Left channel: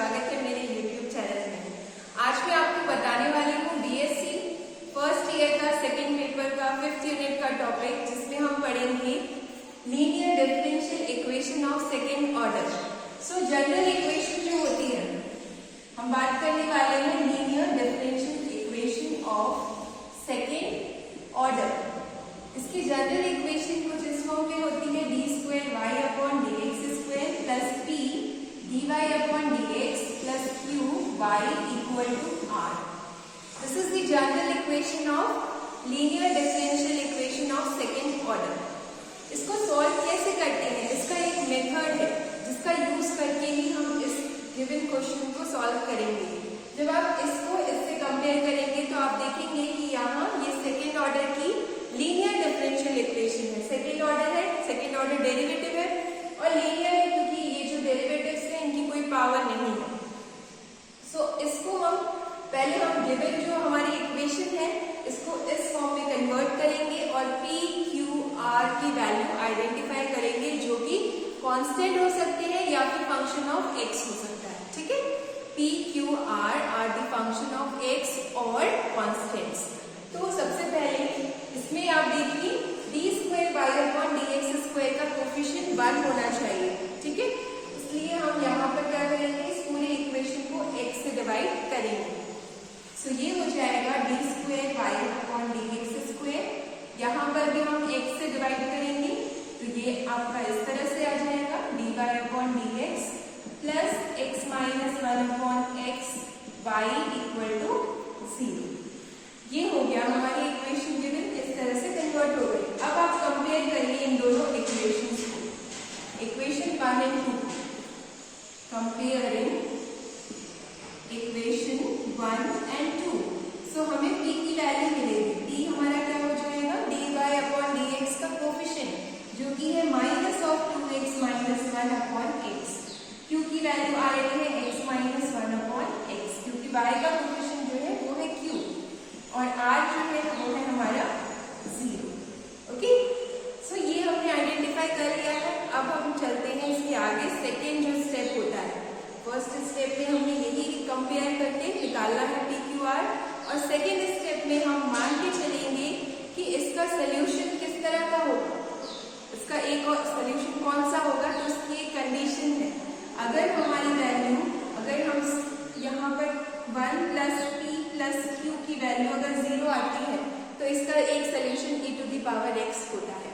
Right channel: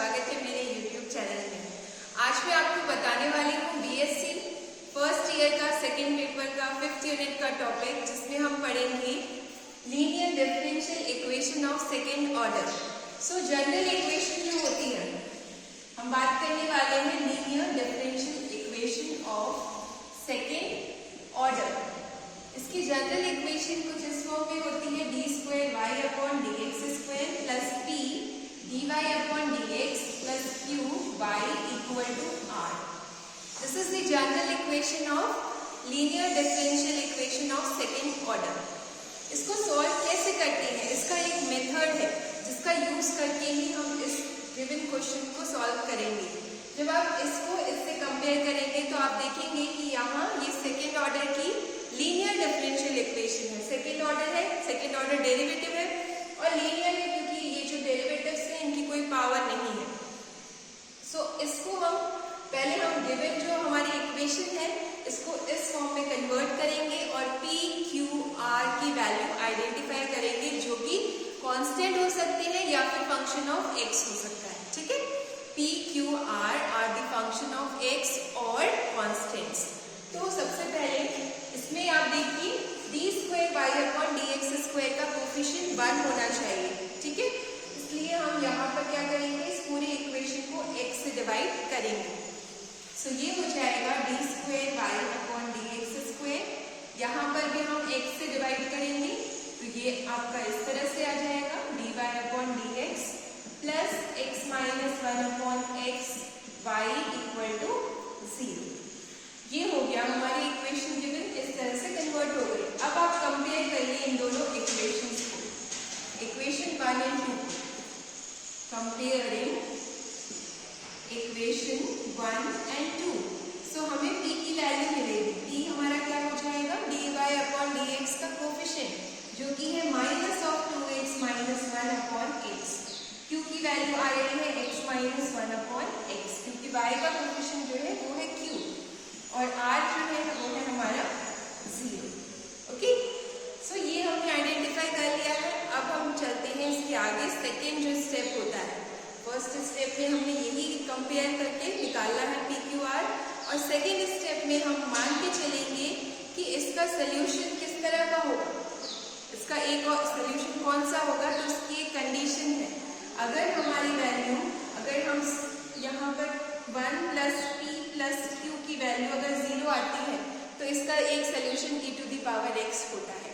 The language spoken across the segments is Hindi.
स्वागत है मेरे YouTube चैनल में। आज मैं आपको बताने वाली हूँ BSc फर्स्ट ईयर का सेकंड पेपर का 5th यूनिट का टॉपिक, जिसमें हम पढ़ेंगे linear differential equation of second order. So general equation जो होती है, हम बात करने वाले हैं linear differential equation of second order. इसकी जनरल इक्वेशन कुछ इस फॉर्म में होती है d2y/dx² plus p dy/dx plus q y equal to r. This is the general equation of linear differential equation of second order. इसको सॉल्व कैसे करते हैं, इसका एक मेथड है जिसका यूज करके ही हम इस गिवन क्वेश्चन को सॉल्व करेंगे। जब आप इसको इससे कंपेयर करेंगे तो आप देखेंगे कि यहाँ ये सेकेंड ऑर्डर की लीनियर डिफरेंशियल इक्वेशन है। सेकेंड ऑर्डर है, सेकेंड ऑर्डर डेरिवेटिव है और लीनियर है क्योंकि ये जो डेरिवेटिव्स हैं इनकी कोई पावर नहीं है। सो इसको हम गिवन जो हमारी इक्वेशन है इसको इस फॉर्म में कन्वर्ट करेंगे और p q r की वैल्यू आइडेंटिफाई करेंगे, जो कि कांस्टेंट हो सकते हैं या फिर फंक्शन ऑफ x हो सकता है। ठीक है, p q r are the function of x और कांस्टेंट्स। तो सबसे पहले इसमें आप देखिए d2y/dx² का कोफिशिएंट 1 होना चाहिए। ठीक है, इसलिए हम यहाँ पर क्या करेंगे, इस पूरे इक्वेशन को x से डिवाइड करेंगे। सो ये हो जाएगा d2y/dx²। यहाँ पर भी हम x से डिवाइड करेंगे तो ये आपका इस तरह से आ जाएगा dy/dx plus x - 1/x y equal to 0। ये हो गया हमारी इक्वेशन गिवन, इस तरह से कन्वर्ट हो गई। अब आप कंपेयर करिए इन दोनों इक्वेशंस को, इक्वेशन 1 और 2। Comparing equation 1 and 2। सो हमें p की वैल्यू मिलेगी। p हमारा क्या हो जाएगा, dy/dx का कोफिशिएंट जो कि है -2x - 1/x। q की वैल्यू आ रही है x - 1/x, क्योंकि y का कोफिशिएंट जो है वो है q और r जो है वो है हमारा 0। ओके, सो ये हमने आइडेंटिफाई कर लिया है। अब हम चलते हैं इसके आगे। सेकेंड जो स्टेप होता है, फर्स्ट स्टेप में हमने यही कंपेयर करके निकालना है p q r, और सेकेंड स्टेप में हम मान के चलेंगे कि इसका सोल्यूशन किस तरह का होगा। इसका एक और सोल्यूशन कौन सा होगा, तो इसकी एक कंडीशन है। अगर हमारी वैल्यू, अगर हम यहाँ पर 1 प्लस p प्लस q की वैल्यू अगर 0 आती है तो इसका एक सोल्यूशन e⁻x होता है।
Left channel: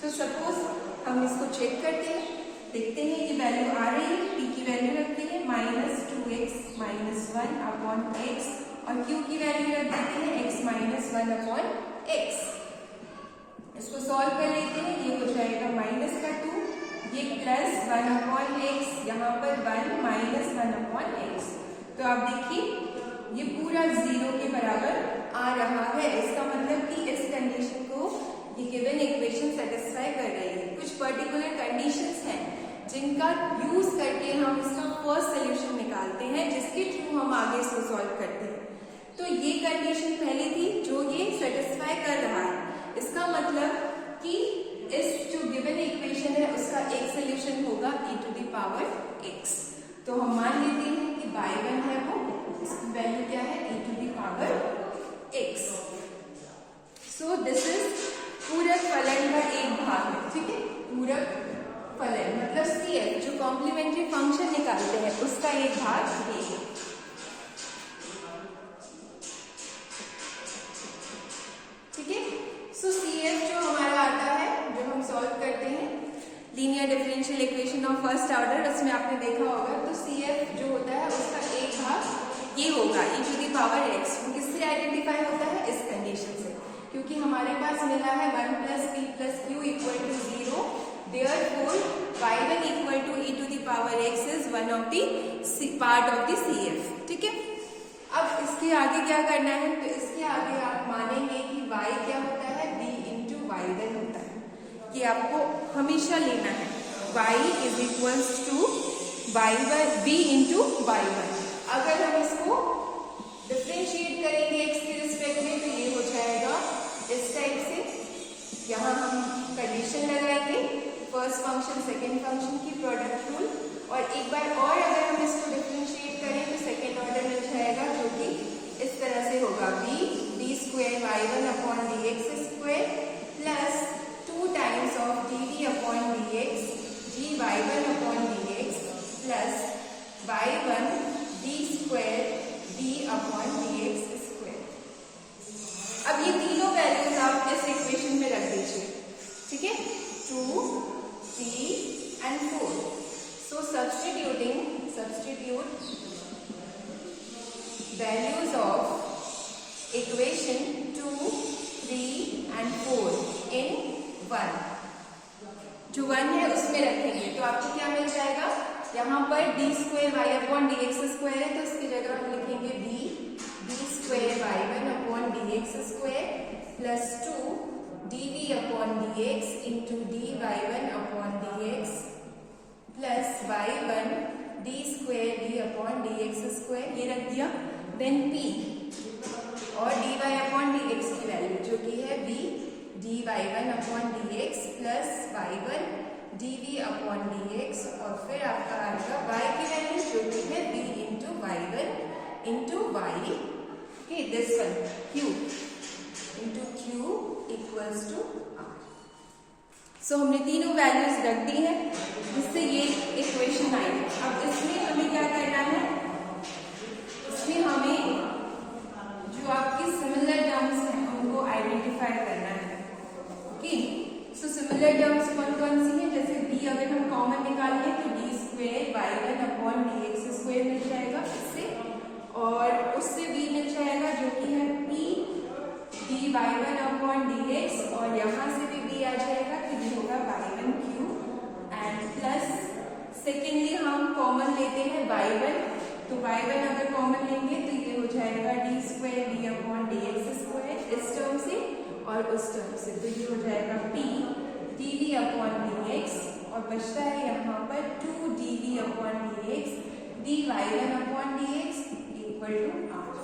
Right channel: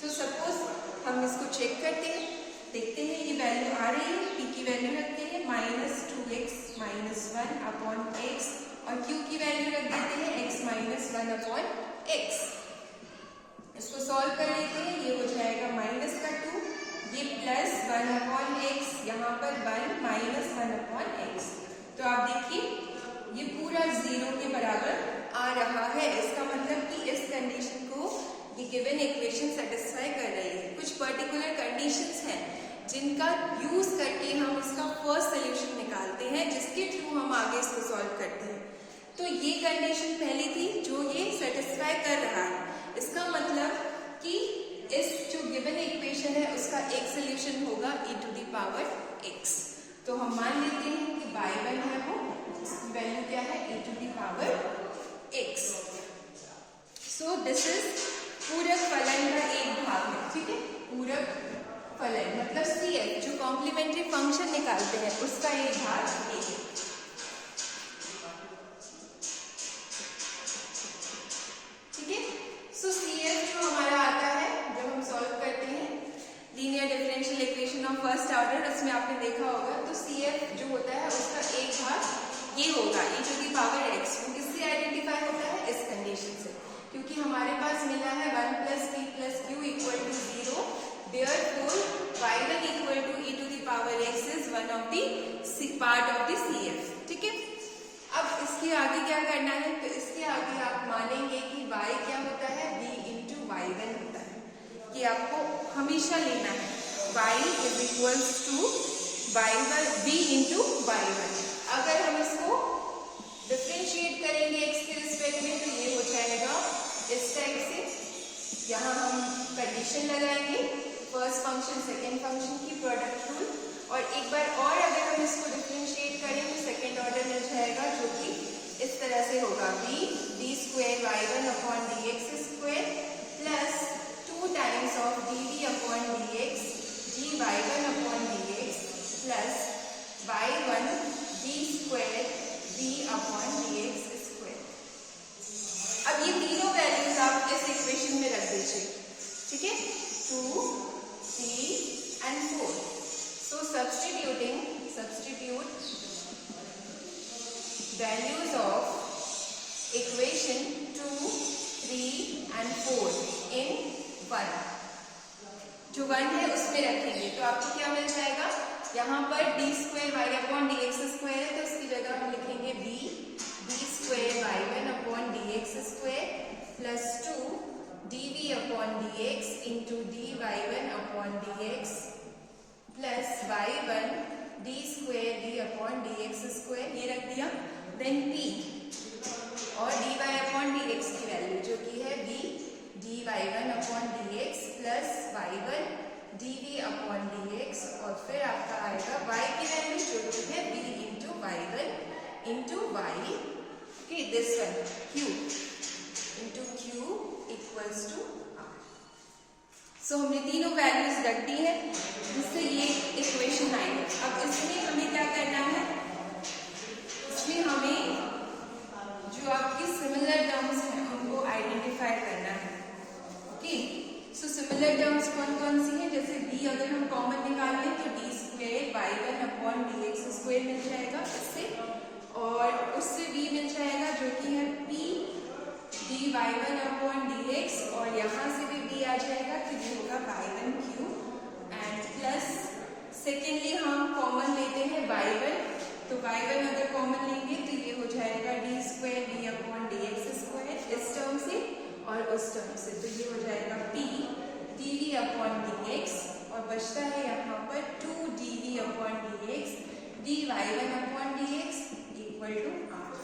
सो सपोज हम इसको चेक करते हैं, देखते हैं ये वैल्यू आ रही है। p की वैल्यू रखते हैं -2x - 1/x और q की वैल्यू रख देते हैं x - 1/x। इसको सॉल्व कर लेते हैं, ये हो जाएगा -2, ये प्लस 1/x, यहाँ पर 1 - 1/x। तो आप देखिए ये पूरा 0 के बराबर आ रहा है। इसका मतलब कि इस कंडीशन को ये गिवन इक्वेशन सेटिस्फाई कर रही है। कुछ पर्टिकुलर कंडीशंस हैं जिनका यूज करके हम इसका फर्स्ट सोल्यूशन निकालते हैं, जिसके थ्रू हम आगे इसको सॉल्व करते हैं। तो ये कंडीशन पहली थी जो ये सेटिस्फाई कर रहा है। इसका मतलब कि इस जो गिवन इक्वेशन है उसका एक सोल्यूशन होगा e⁻x। तो हम मान लेते हैं कि y1 है वो, इसकी वैल्यू क्या है, e⁻x। सो दिस इज पूरक फलन का एक भाग है। ठीक है, पूरक फलन मतलब CF जो कॉम्प्लीमेंट्री फंक्शन निकालते हैं उसका एक भाग ये है। ठीक है, सो CF जो हमारा आता है, जब हम सॉल्व करते हैं linear differential equation of first order, उसमें आपने देखा होगा तो CF जो होता है उसका एक भाग ये होगा e⁻x। वो किससे आइडेंटिफाई होता है, इस कंडीशन से, क्योंकि हमारे पास मिला है 1 + p + q equal to 0। Therefore y1 equal to e⁻x is one of the part of the CF। ठीक है, अब इसके आगे क्या करना है, तो इसके आगे आप मानेंगे कि y क्या होता है, v × y1 होता है। ये आपको हमेशा लेना है, y is equals to v × y1। अगर हम इसको डिफरेंशिएट करेंगे x के रिस्पेक्ट में तो ये हो जाएगा इस टाइप से। यहाँ हम कंडीशन लगाएंगे, फर्स्ट फंक्शन सेकेंड फंक्शन की प्रोडक्ट रूल, और एक बार और अगर हम इसको डिफरेंशिएट करें तो सेकेंड ऑर्डर मिल जाएगा, जो कि इस तरह से होगा b d square y1 upon dx square plus 2 times of dv upon dx dy1 upon dx plus y1 d square v upon dx square. अब ये तीनों वैल्यूज आप इस इक्वेशन में रख दीजिए, ठीक है, 2, 3 and 4. So substitute values of equation 2, 3 and 4 in 1. जो 1 है उसमें रखेंगे तो आपको क्या मिल जाएगा, यहाँ पर d square y upon D x square है तो इसकी जगह हम लिखेंगे d square y1 upon D x square plus 2 dv upon dx into dy1 upon dx plus y1 d square v upon dx square, ये रख दिया। देन p और dy अपॉन dx की वैल्यू जो कि है v dy1 upon dx plus y1 dv upon dx और फिर आपका आएगा y की वैल्यू जो कि है v into y1 into y, okay, this one q into q equals to r। So हमने तीनों वैल्यूज रख दी है जिससे ये इक्वेशन आई। अब इसमें हमें क्या करना है, इसमें हमें जो आपकी सिमिलर टर्म्स हैं उनको आइडेंटिफाई करना है, ओके। सो सिमिलर टर्म्स कौन कौन सी हैं, जैसे d अगर हम कॉमन निकाल लें तो d square y1 upon dx square मिल जाएगा इससे, और उससे b मिल जाएगा जो कि है p dy1 अपॉन dx और यहाँ से भी b आ जाएगा तो ये होगा y1 cube and plus secondly हम कॉमन लेते हैं y1, तो y1 अगर कॉमन लेंगे तो ये हो जाएगा d square v upon dx square इस टर्म से और उस टर्म से, तो ये हो जाएगा p dv अपॉन dx और बचता है यहाँ पर 2 dv upon dx dy1 upon dx equal to r।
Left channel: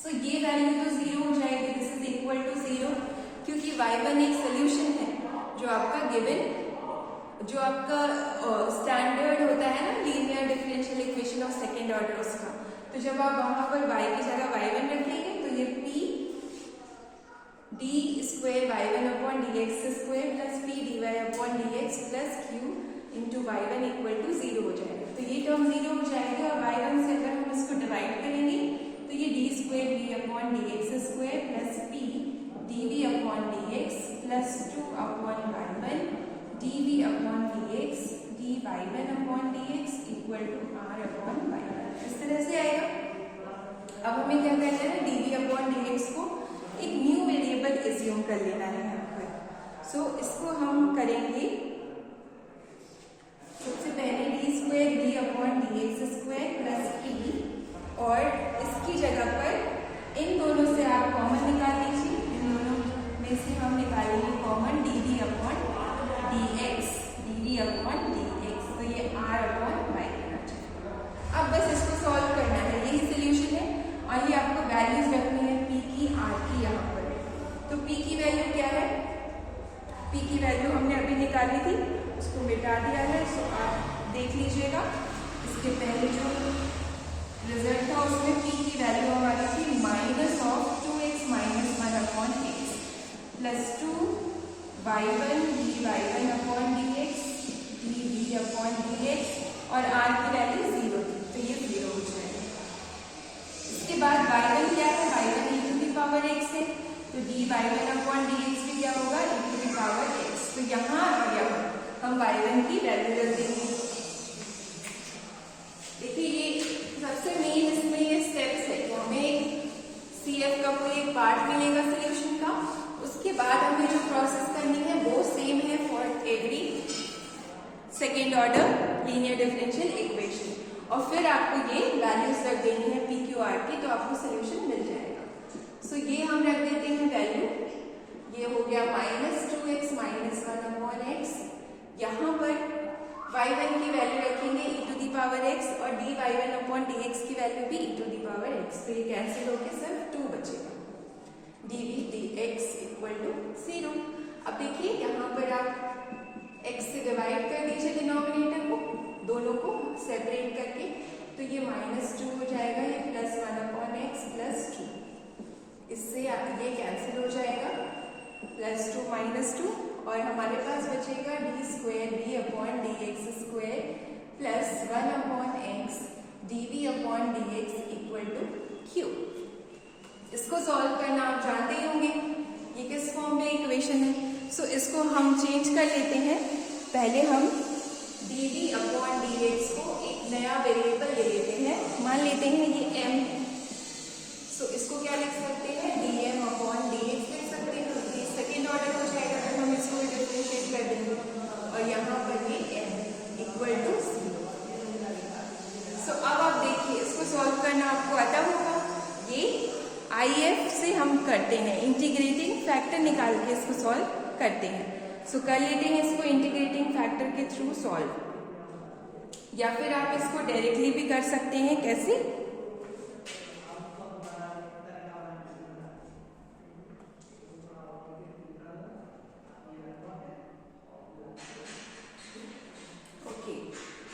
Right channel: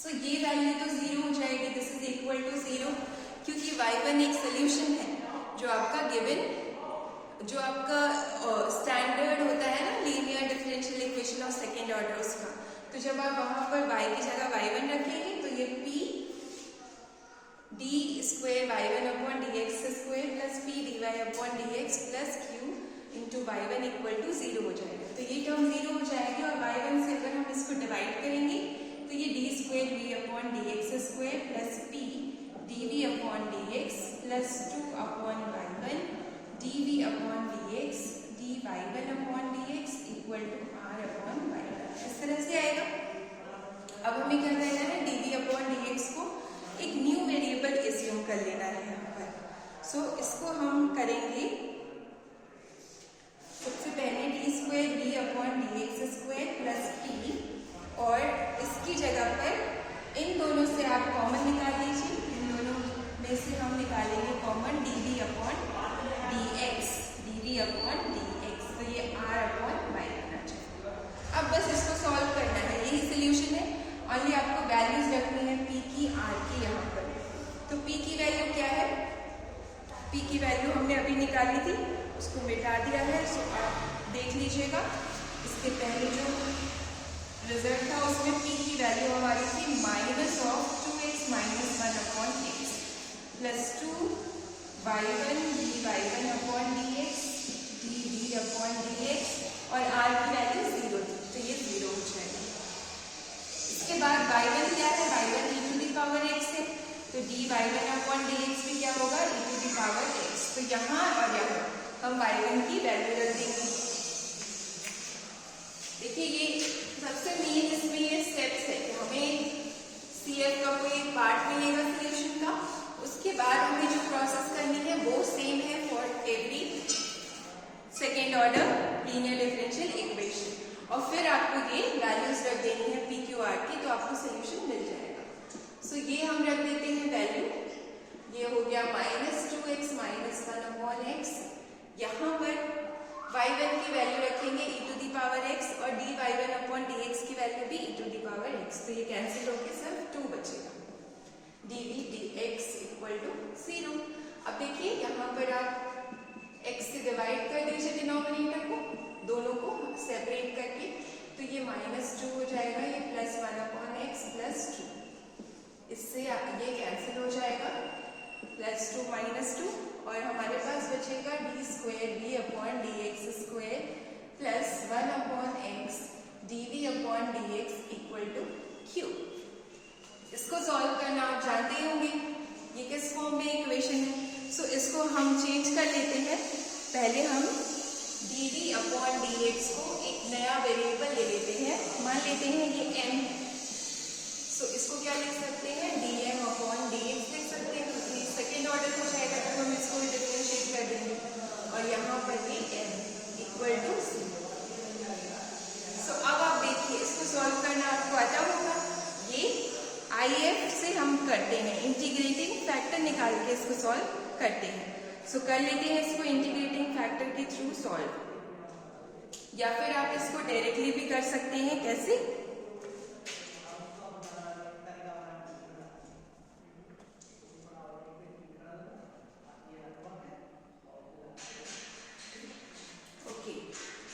So ये वैल्यू तो 0 हो जाएगी, दिस इज इक्वल टू 0 क्योंकि y1 एक सोल्यूशन है जो आपका गिवन, जो आपका स्टैंडर्ड होता है ना linear differential equation of second order उसका, तो जब आप वहां पर y की जगह y1 रखेंगे तो ये p d square y1 upon dx square plus p dy upon dx plus q into y1 equal to 0 हो जाएगा। तो ये टर्म 0 हो जाएगी और y1 से अगर हम इसको डिवाइड करेंगे तो ये d square v upon dx square plus p dv upon dx plus 2 upon y1 dv upon dx dy1 upon dx equal to r upon y1, इस तरह से आएगा। अब हमें क्या करना है, dv अपॉन dx को एक न्यू वेरिएबल एज्यूम कर लेना है यहाँ पर। सो इसको हम करेंगे सबसे पहले d square v upon dx square plus p और इसकी जगह पर इन दोनों से आप कॉमन निकाल लीजिए, इन दोनों में से हम निकालेंगे common dv upon dx upon dx, तो ये r अपॉन y बना जाएगा। अब बस इसको सॉल्व करना है, यही सोल्यूशन है और ये आपको वैल्यूज रखनी है p की r की यहाँ पर। तो p की वैल्यू क्या है, p की वैल्यू हमने अभी निकाली थी, उसको मिटा दिया है। सो आप देख लीजिएगा इसके पहले जो रिजल्ट था उसमें p की वैल्यू हमारी थी minus of 2x minus 1 upon x plus 2 y1 dy1 upon dx dv upon dx और r की वैल्यू 0 थी, तो ये 0 हो जाएगा। इसके बाद y1 क्या है, y1 e to the power x है, तो dy1 अपॉन dx भी क्या होगा, e to the power x। तो यहाँ और यहाँ हम y1 की वैल्यू रख देंगे। देखिए ये सबसे मेन इसमें ये स्टेप्स है कि हमें CF का कोई एक पार्ट मिलेगा सोल्यूशन का, उसके बाद हमें जो प्रोसेस करनी है वो सेम है for every second order linear differential equation और फिर आपको ये वैल्यूज रख देनी है p q r की, तो आपको सोल्यूशन मिल जाएगा। सो ये हम रख देते हैं वैल्यू, ये हो गया minus 2x minus 1 upon x, यहाँ पर y1 की वैल्यू रखेंगे e to the power x और dy1 अपॉन dx की वैल्यू भी e to the power x, तो ये कैंसिल होकर सिर्फ 2 बचेगा, dv dx इक्वल टू 0। अब देखिए यहाँ पर आप x से डिवाइड कर दीजिए डिनोमिनेटर को, दोनों सेपरेट करके, तो ये -2 हो जाएगा, ये +1/x +2, इससे ये कैंसिल हो जाएगा, +2 -2, और हमारे पास बचेगा d² plus 1/x dv/dx equal to q। इसको सॉल्व करना आप जानते ही होंगे, ये किस फॉर्म में इक्वेशन है। सो इसको हम चेंज कर लेते हैं। पहले हम dv/dx को एक नया वेरिएबल ले लेते हैं, मान लेते हैं ये m। सो इसको क्या लिख सकते हैं, dm/dx लिख सकते हैं, ये सेकेंड ऑर्डर हो जाएगा, तो हम इसको डिफरेंशिएट कर देंगे, और यहाँ पर ये m इक्वल टू 0। सो अब आप देखिए, इसको सॉल्व करना आपको आता होगा। ये IF से हम करते हैं, इंटीग्रेटिंग फैक्टर निकाल के इसको सॉल्व करते हैं। सो कर लेते हैं इसको इंटीग्रेटिंग फैक्टर के थ्रू सॉल्व, या फिर आप इसको डायरेक्टली भी कर सकते हैं। कैसे? ओके,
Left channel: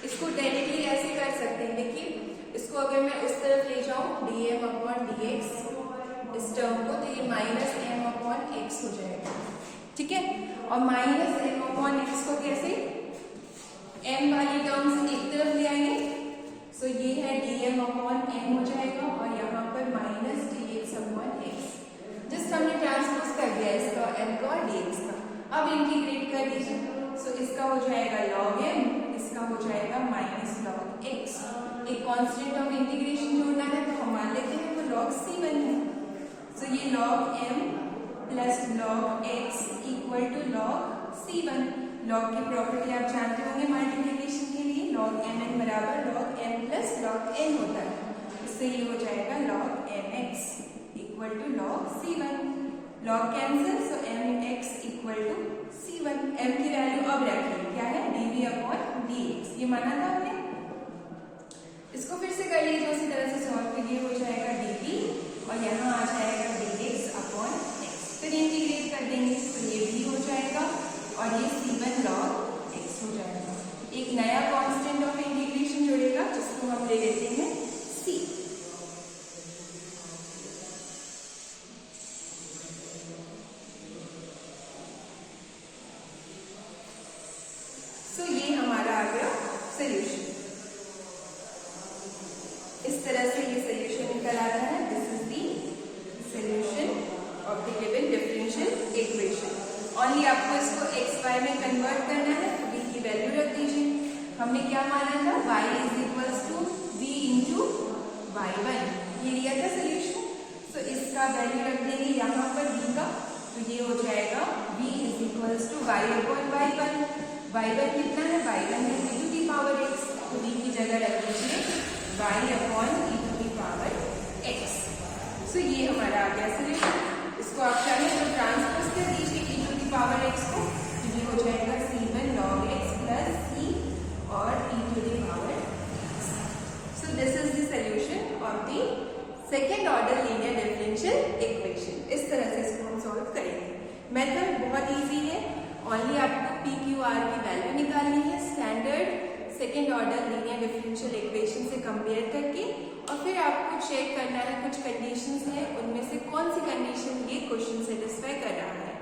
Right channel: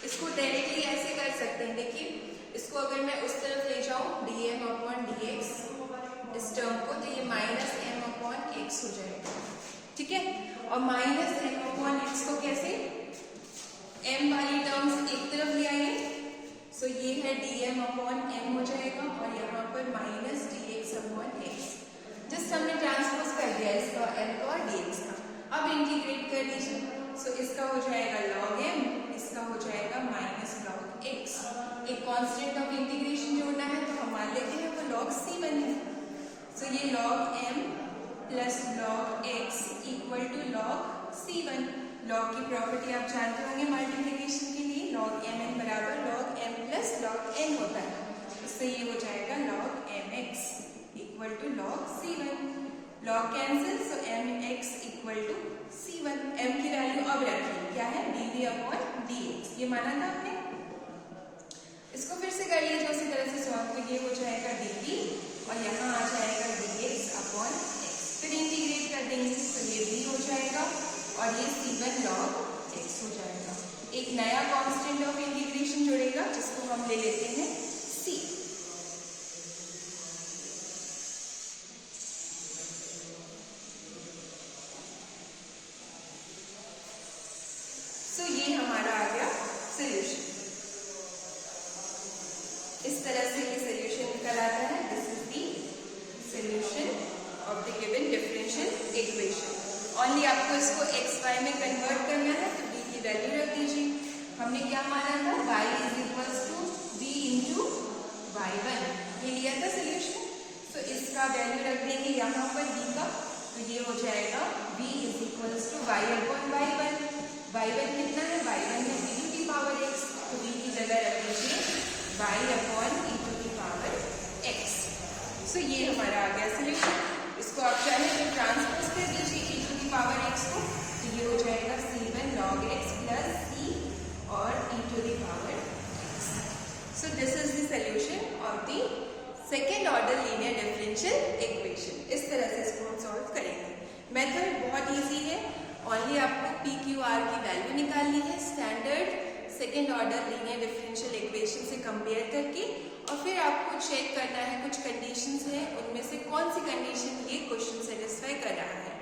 इसको डायरेक्टली ऐसे कर सकते हैं। देखिए, इसको अगर मैं उस तरफ ले जाऊं dm/dx इस टर्म को, तो ये -m/x हो जाएगा, ठीक है। और -m/x को कैसे m वाली टर्म्स एक तरफ ले आएंगे, सो ये है dm/m हो जाएगा, और यहाँ पर -dx/x, जस्ट हमने ट्रांसपोज कर दिया इसका m का और dx का। अब इंटीग्रेट कर लीजिए, सो इसका हो जाएगा log m, इसका हो जाएगा -log x। एक कांस्टेंट ऑफ इंटीग्रेशन जोड़ना है, तो हम मान लेते हैं तो log c1 है। सो ये log m plus log x equal to log c1। log की प्रॉपर्टी आप जानते होंगे मल्टीप्लिकेशन के लिए, log mn बराबर log m plus log n होता है, इससे ये हो जाएगा log mx equal to log c1। log cancel, so mx equal to c1। m की वैल्यू अब रखिए, क्या है, dv/dx, ये माना था आपने। इसको फिर से कर लीजिए उसी तरह से सॉल्व, तो ये हो जाएगा dv, और यहाँ आ जाएगा dx/x। फिर इंटीग्रेट कर देंगे, तो ये भी हो जाएगा, और ये c1 log x हो जाएगा। एक नया कांस्टेंट ऑफ इंटीग्रेशन जुड़ेगा, जिसको हम ले लेते हैं c। सो ये हमारा आ गया सोल्यूशन। इस तरह से ये सोल्यूशन निकल आता है। This is the solution of the given differential equation. Only आपको इसको xy में कन्वर्ट करना है, तो b की वैल्यू रख दीजिए। हमने क्या माना था, y is equals to v into y1, ये लिया था सोल्यूशन। तो इसका वैल्यू रख देंगे यहाँ पर v का, तो ये हो जाएगा v is equals to y/y1। y1 कितना है, y1 है e⁻x, तो v की जगह रख दीजिए y/e⁻x। सो ये हमारा आ गया सोल्यूशन। इसको आप चाहे तो ट्रांसपोज कर दीजिए e⁻x को, ये हो जाएगा c1 log x plus c और e⁻x। So this is the solution of the second order linear differential equation. इस तरह से इसको हम सॉल्व करेंगे। मेथड बहुत इजी है, ओनली आपको PQR की वैल्यू निकालनी है standard second order linear differential equation से कंपेयर करके, और फिर आपको चेक करना है कुछ कंडीशंस हैं, उनमें से कौन सी कंडीशन ये क्वेश्चन सेटिस्फाई कर रहा है।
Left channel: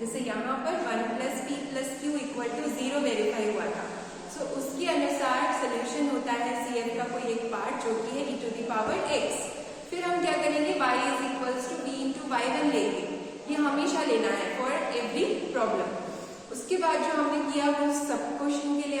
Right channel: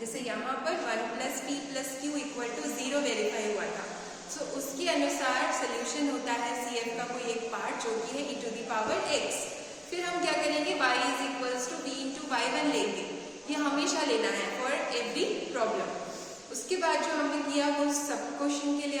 जैसे यहाँ पर 1 + p + q = 0 वेरीफाई हुआ था, सो उसके अनुसार सोल्यूशन होता है CF का कोई एक पार्ट जो कि है e⁻x। फिर हम क्या करेंगे, y is equals to v into y1 लेंगे, ये हमेशा लेना है फॉर एवरी प्रॉब्लम। उसके बाद जो हमने किया वो सब क्वेश्चन के लिए